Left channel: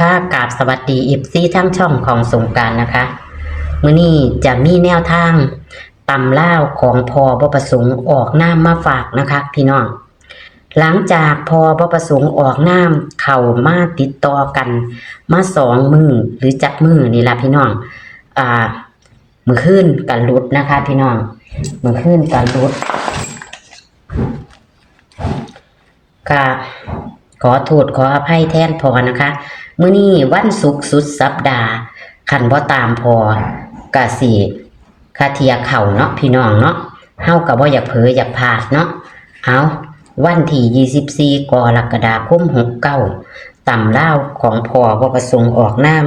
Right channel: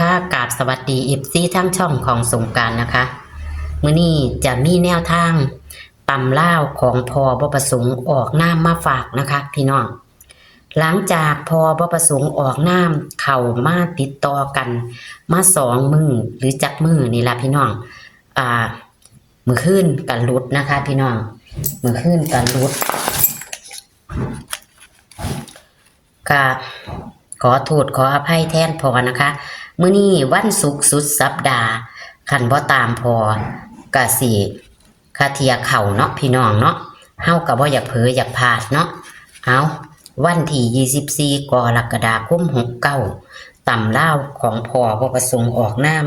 ค่ะกราบสวัสดีอีฟซีทั้งช่องของสงกรานต์นะคะมื้อนี้จะมีแนวทางตำล่าวของพอบ่ประสงค์ออกนามมาฝากนะคะพี่น้องหลังจากพอบ่ประสงค์ออกนามเข้ามาติดต่อกันมา2 มื้อหรือจักมื้อนี่ล่ะพี่น้องมื้อคืนกันหลุดนะคะพี่น้องมื้อคืนกันหลุดค่ะขอโทษขออภัยแทนพอนะคะมื้อนี้วันศุกร์สุดสัปดาห์คันบ่ตามพอกะสิคาเทียเข้าเนาะพี่น้องเนาะเฮาก็บ่อยากเผลออยากพลาดเนาะเอาวันที่24กรกฎาคม69ตำลาวของพ่อบ่ประสงค์ออกนาม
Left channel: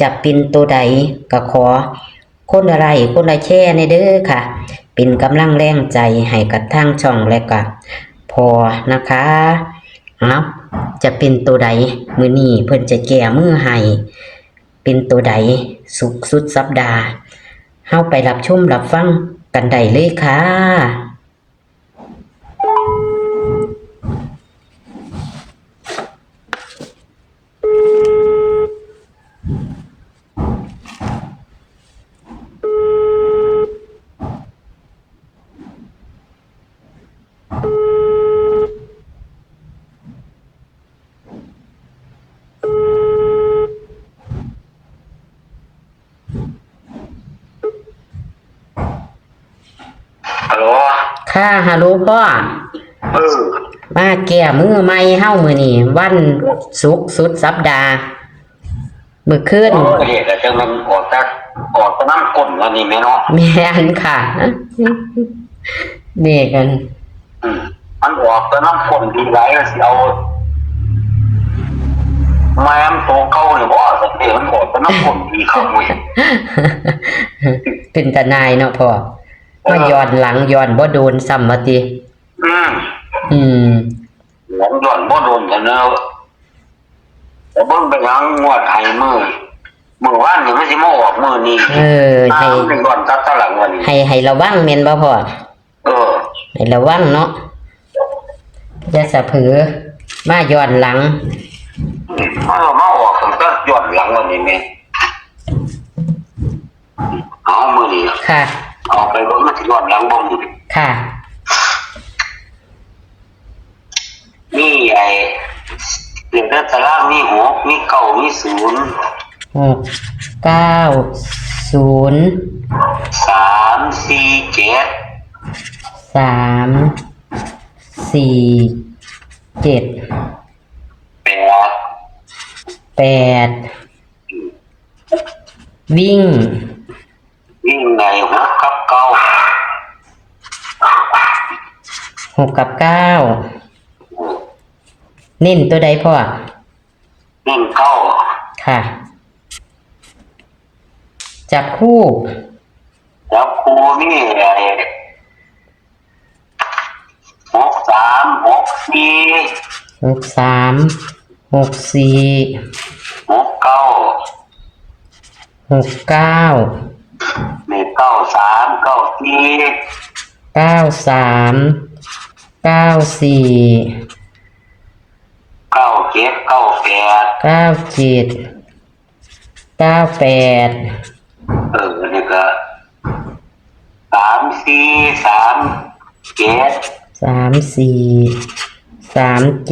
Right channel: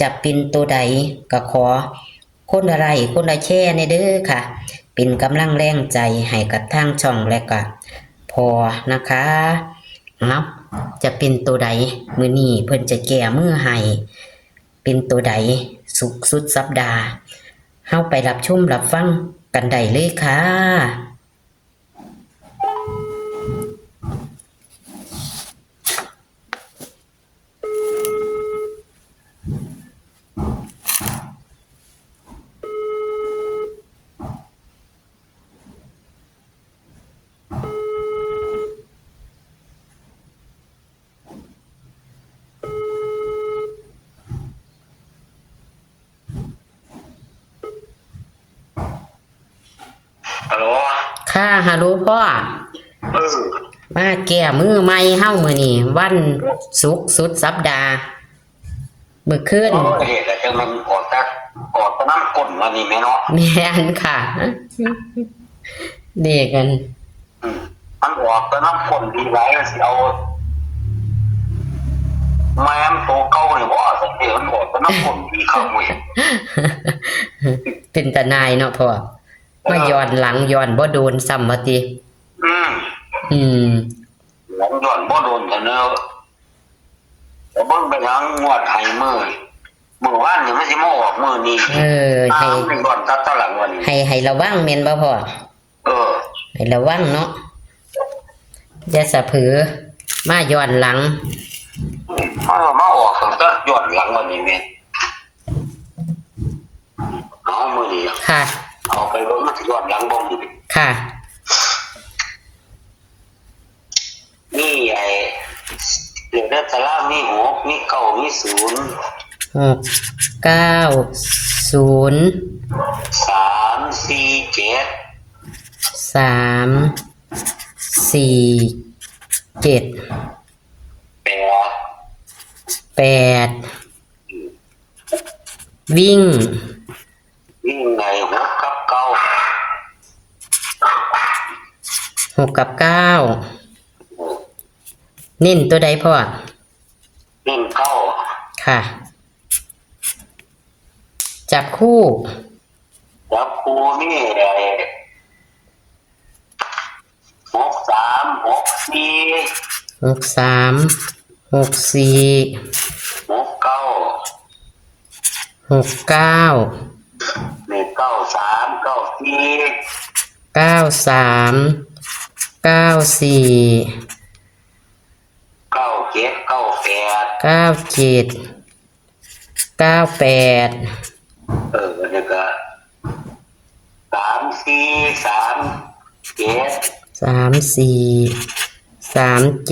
จะเป็นตัวใดก็ขอคนละไลค์คนละแชร์ในเด้อค่ะเป็นกำลังแรงใจให้กับทางช่องและก็พอนะคะจะเป็นตัวใดมื้อนี้เพิ่นจะแก้มือให้เป็นตัวใดสุขสุดสัปดาห์เฮาไปรับชมรับฟังกันได้เลยค่ะฮัลโหลค่ะฮัลโหลพ่อมาแก้มือใหม่เฮามื้อนี้วันศุกร์สุดสัปดาห์มื้อคืนเด็กแต่จังมันออกน้ำก้นวันนี้แม่เนาะแม่นค่ะเด็กกันมันออกน้ำก้นดีไรก็สิเอาแม่มโตเก่าหรือว่าสักเดมันออกน้ำก้นดีเข้าเว้ยเป็นตาหนายเนาะพ่อมาย้อนหลังย้อนบ่โดนซ้ำว่าติหลังย้อนบ่โดนกันเนาะแต่เบิ่งไปหลังงวดไห้มื้อวานนี่มันสิมาออกมื้อนี้ให้เป็นก่อนตัดหลังวันนี้ให้ระวังแม่นบ่พ่อให้ระวังเนาะอย่าสะเผลอมาย้อนหลังมาออกก็ย้อนหลังวันนี้แม่เอามื้อนี้ค่ะเอาไปบ่มาสิย้อนหลังบ่มื้อค่ะนี่เดี๋ยวตารางมี6มี9มี0 6 9 0 3 4 7 3 4 7 8วิ่งใน6 กับ 9 6 กับ 9เน้นตัวใดพ่อเน้น9ค่ะจับคู่นี่6 3 6 4 6 3 6 4 6 9 6 9นี่9 3 9 4 9 3 9 4 9 7 9 8 9 7 9 8นี่ก็3 4 3 7 3 4 3 7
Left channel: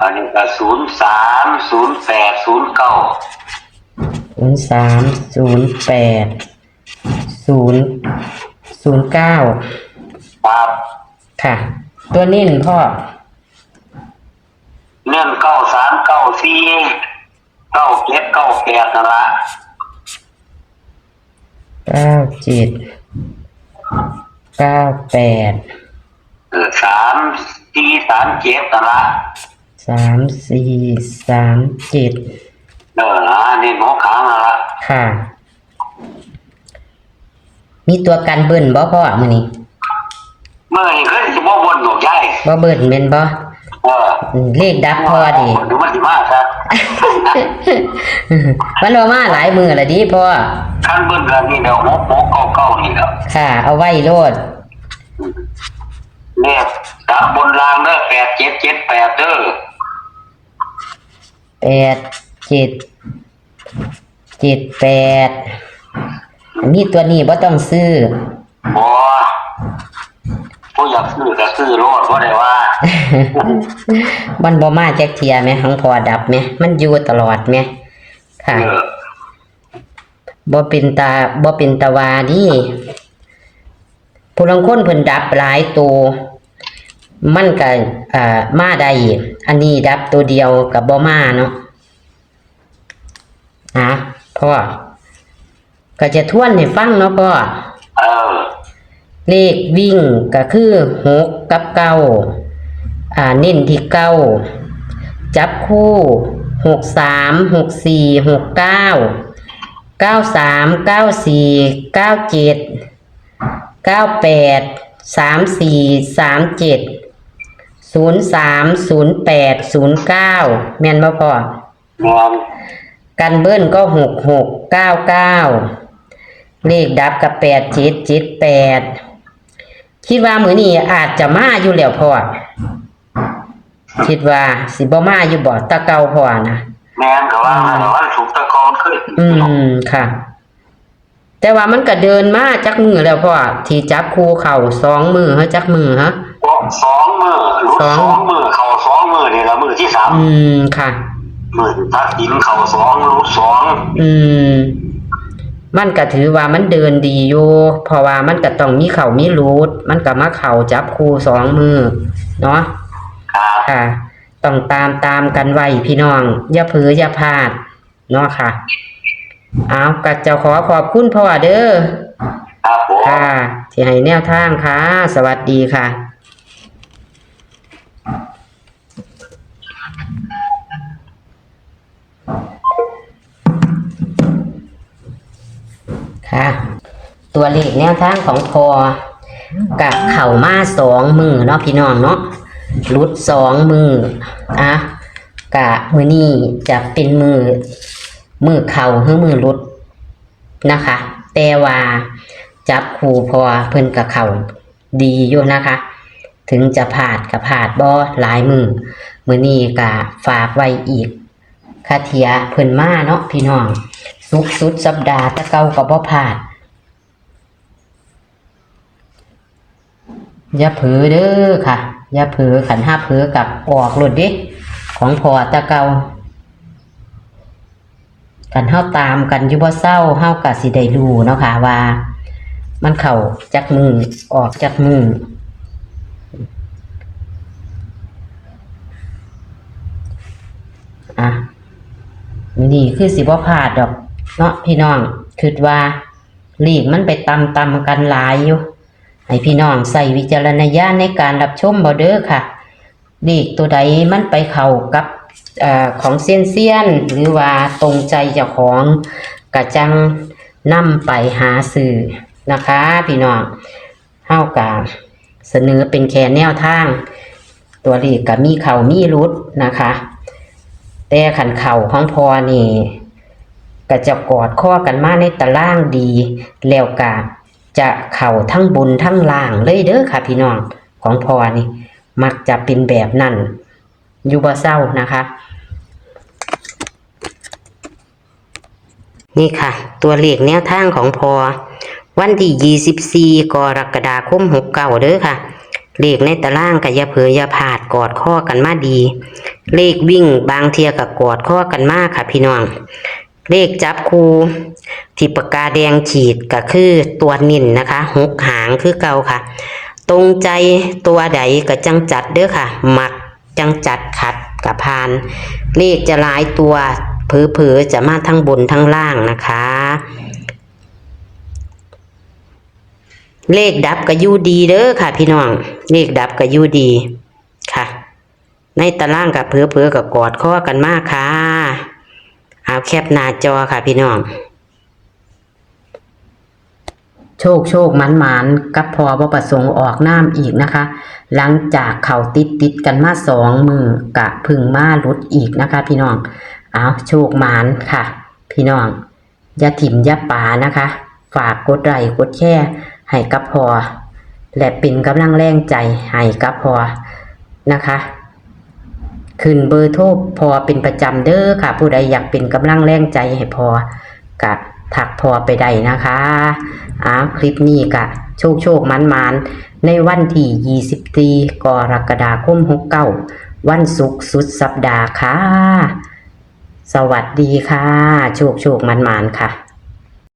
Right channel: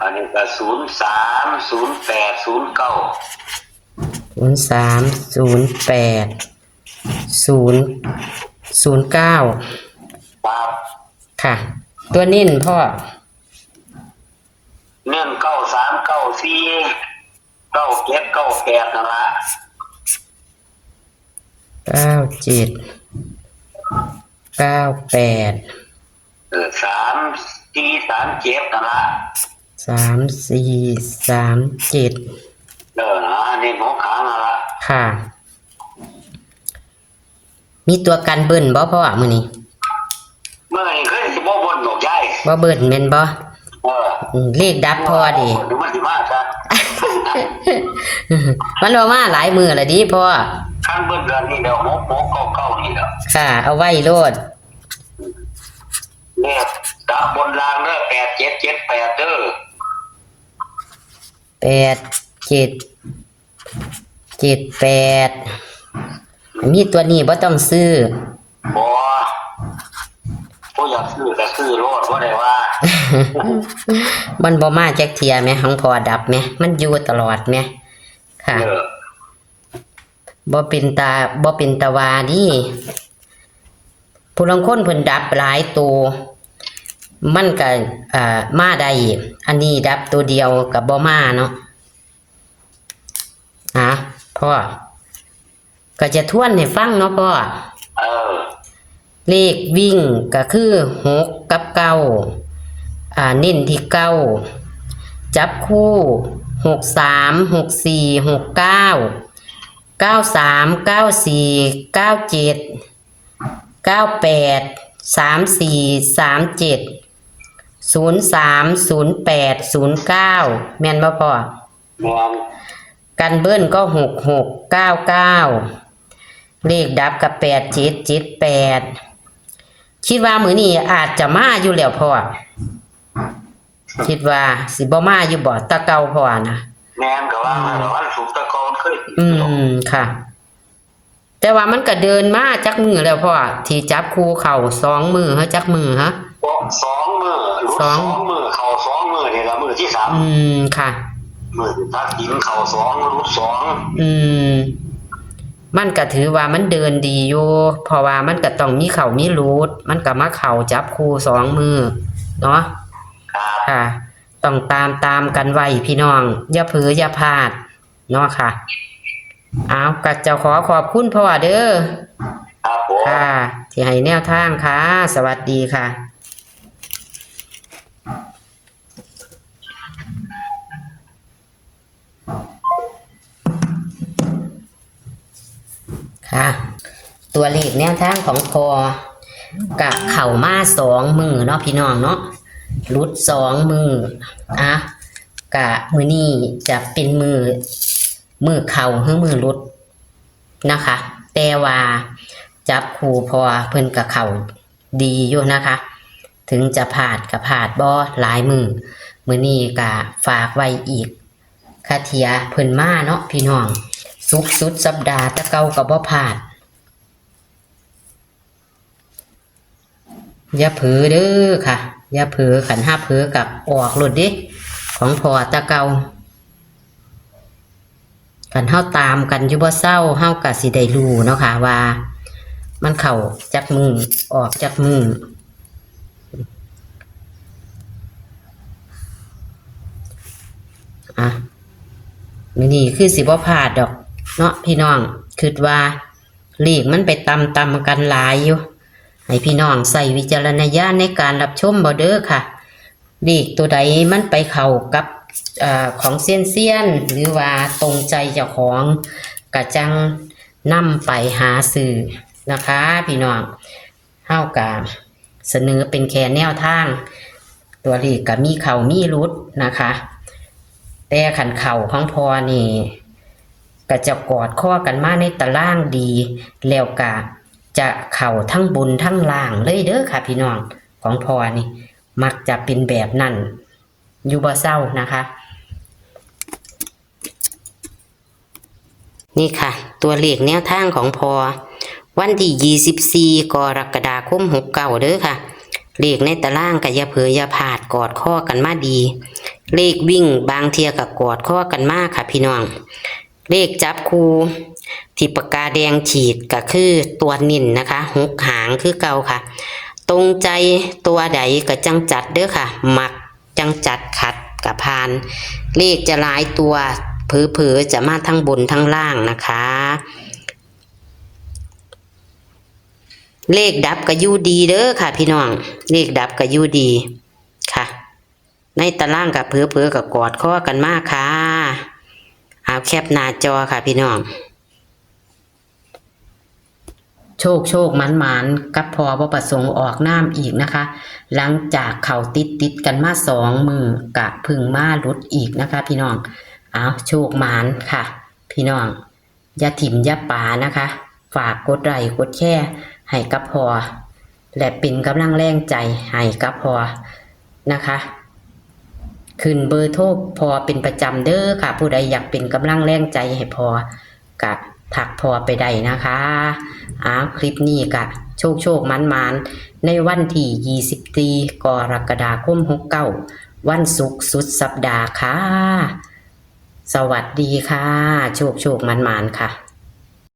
อันนี้ก็0 3 0 8 0 9 0 3 0 8 0 0 9ครับค่ะตัวเน้นพ่อเน้น9 3 9 4 9 7 9 8นั่นละ9 7 9 8 3 4 3 7นั่นละ3 4 3 7นี่หมอขางนั่นละค่ะมีตัวกันเบิ้ลบ่พ่อมื้อนี้เมื่อนี้คือสิบ่บ่นดอกใหญ่บ่เบิ้ลแม่นบ่เลขดับพ่อดิดูมันสิมาซะมันบ่มาหลายมื้อแล้วดิพ่อคันเบิ้ลก็นี่เด้อ6 9 9นี่แหละค่ะเอาไว้โลดเลขดับบนรางเด้อ8 7 7 8เด้อ แปดเจ็ดเจ็ดแปดมีตัวนี้บ่ต้องซื้อ บ่ผู้อยากซื้อก็ซื้อโลดบ่ได้ว่า มันบ่มาจักเทียแม่ของพอดับแม่มันอยู่ตลอดแม่ค่ะบ่เป็นตาวาดิผู้ลางคนเพิ่นดับหลายตัวมันก็มาได้อันนี้ดับตัวเดียวก็บ่มาเนาะพ่อก็จะทวนให้ฟังเนาะพ่อเลขวิ่งก็คือ6กับ9เน้นที่9จับคู่63 64 69 93 94 97 98 34 37 03 08 09แม่นบ่พ่อกันเบิ้ลก็66 99เลขดับกับ87 78คิดว่ามื้อนี้อาจจะมาอยู่แล้วพ่อคิดว่าสิบ่มาอยู่บ่ตะเก่าพ่อนะแม่นก็ว่าวันศุกร์ตะกอนขึ้นค่ะแต่ว่ามันก็เดินมาจักมือแล้วพ่อที่จับคู่เข่า2มือฮะจักมือฮะ2มือรุด2มือเข่า2มือนี่ละมือที่3ค่ะมือตัดดินเข่า2รุด2มันก็ถือว่ามันเดินดีอยู่เพราะว่ามันก็ต้องมีเข่ามีรูดมันก็มาเข่าจับคู่2มือเนาะค่ะต้องตามกันไว้พี่น้องอย่าเผลออย่าพลาดเนาะค่ะเอาก็จะขอบคุณพ่อเด้อครับผมค่ะที่ให้แนวทางค่ะสวัสดีค่ะค่ะตัวเลขแนวทางของพอกับเข่ามา2มือเนาะพี่น้องเนาะรุด2มือกะมือนี้จะเป็นมือเข่าหรือมือรุดนะคะแต่ว่าจับคู่พอเพิ่นกับเข่าดีอยู่นะคะถึงจะผ่านกับผ่านบ่หลายมือนี้กะฝากไว้อีกคาเทียเพิ่นมาเนาะพี่น้องสุดสัปดาห์ตะเก่ากับบ่ผ่านอย่าเผลอเด้อค่ะอย่าเผลอขันห้าเผลอกับออกหลุดดิของพอตะเกากันเฮาตามกันอยู่บ่เศร้าเฮาก็สิได้รู้เนาะค่ะว่ามันเข้าจากมือออกจากมือมื้อนี้คือสิบ่พลาดดอกเนาะพี่น้องคิดว่าเลขมันไปตำกันหลายอยู่ให้พี่น้องใส่วิจารณญาณในการรับชมบ่เด้อค่ะเลขตัวใดมันไปเข้ากับของเซียนหรือว่าตรงใจเจ้าของกะจังนำไปหาซื้อนะคะพี่น้องเฮากะเสนอเป็นแค่แนวทางตัวเลขก็มีเข้ามีรุดนะคะแต่ขันเข่าของพอนี่ก็จะกอดข้อกันมาในตารางดีแล้วกะจะเข่าทั้งบนทั้งล่างเลยเด้อค่ะพี่น้องของพอนี่มักจะเป็นแบบนั้นอยู่บ่เศร้านะคะนี่ค่ะตัวเลขแนวทางของพอวันที่24กรกฎาคม69เด้อค่ะเลขในตารางก็อย่าเผลออย่าพลาดกอดข้อกันมาดีเลขวิ่งบางเทียก็กอดข้อกันมาค่ะพี่น้องเลขจับคู่ที่ปากกาแดงฉีดก็คือตัวนิ่นนะคะ6หางคือเก่าค่ะตรงใจตัวใดก็จังจัดเด้อค่ะมักจังจัดขัดกับพานเลขจะหลายตัวเผลอๆจะมาทั้งบนทั้งล่างนะคะเลขดับก็อยู่ดีเด้อค่ะพี่น้องเลขดับก็อยู่ดีค่ะในตารางกับเผลอๆกับกอดข้อกันมากค่ะเอาแคปหน้าจอค่ะพี่น้องโชคมันกับพอบ่ประสงค์ออกน้ำอีกนะคะหลังจากเข่าติดกันมา2มือกะพึ่งมาลุดอีกนะคะพี่น้องเอาโชคมันค่ะพี่น้องอย่าถิ่มอย่าป่านะคะฝากกดไลค์กดแชร์ให้กับพอและเป็นกำลังแรงใจให้กับพอนะคะ ขึ้นเบอร์โทรพอเป็นประจำเด้อค่ะผู้ใดอยากเป็นกำลังแรงใจให้พอกะถักพอไปได้นะคะคลิปนี้กะโชคมันในวันที่24กรกฎาคม69วันศุกร์สุดสัปดาห์ค่ะสวัสดีค่ะโชคมันค่ะ